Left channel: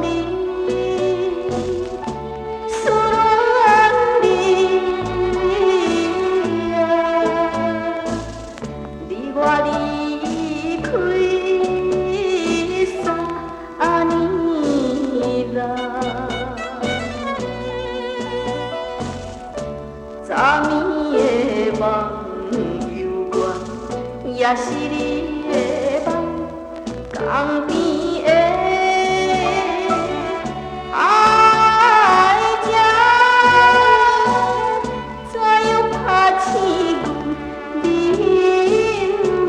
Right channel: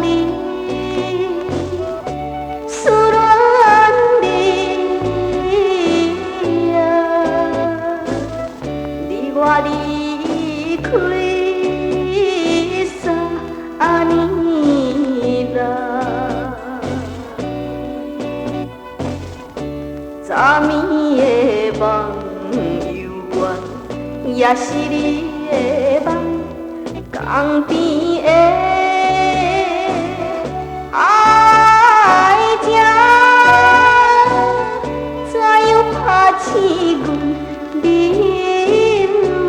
你，思恋你呀，你我离开3年啦，昨暝的梦犹原也是你的梦，港边的海鸟怎样打醒阮眠梦？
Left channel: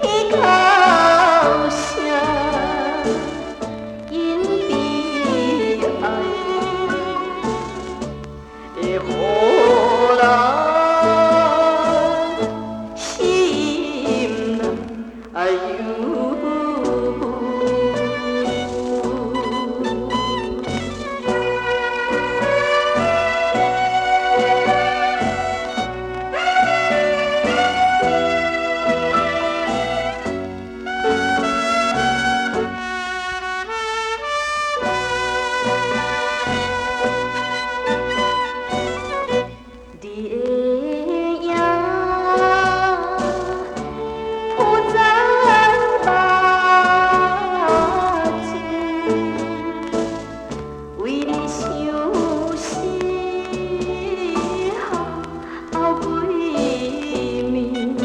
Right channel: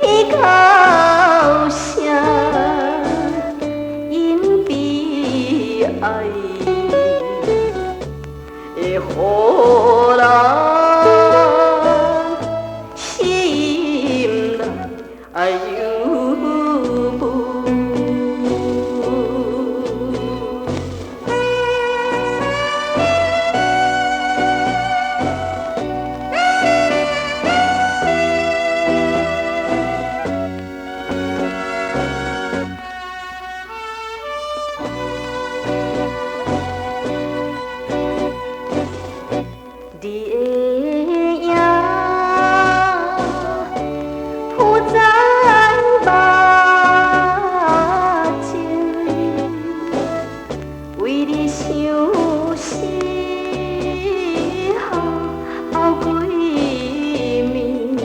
天哭声因悲哀，会予人心内忧闷。你的影浮在目前，为你相思哮归暝，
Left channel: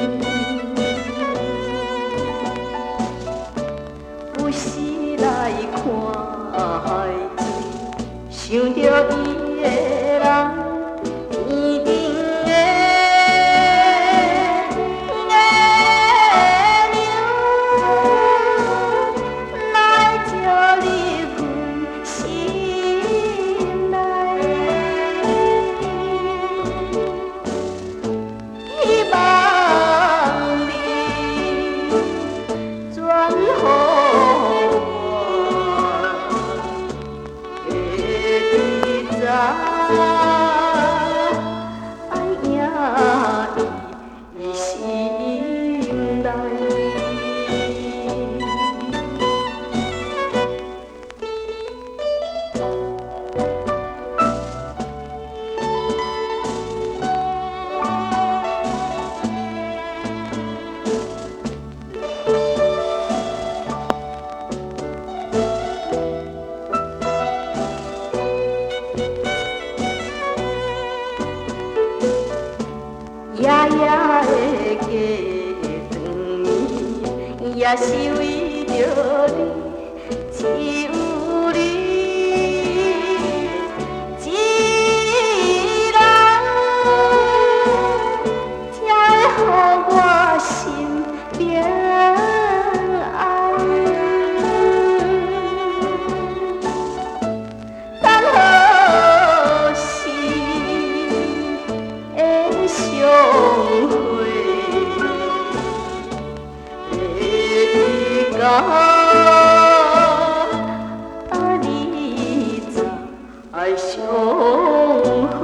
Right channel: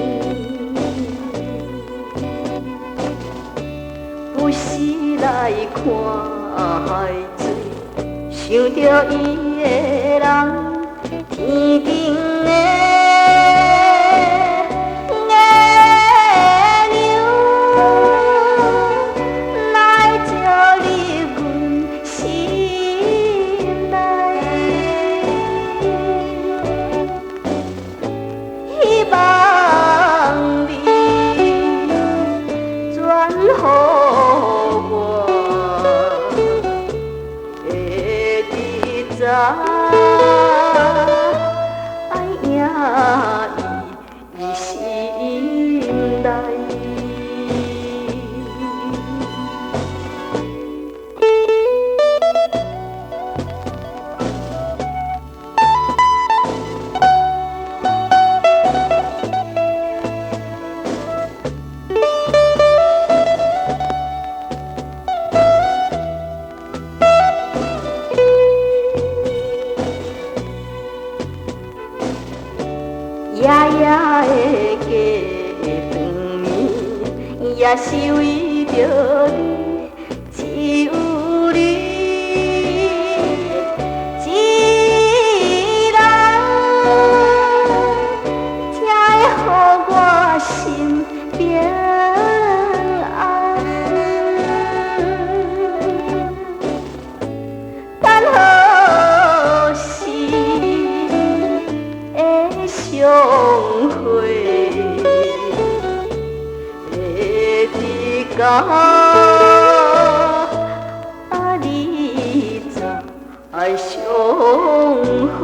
不时来看海水，想著伊的人。天顶的月娘，若会照入阮心内，希望你转予我，会得知伊心内。夜夜的过长暝，也是为着你，只有你一人，才会予我心平安。等何时会相会？会得甲你再相会。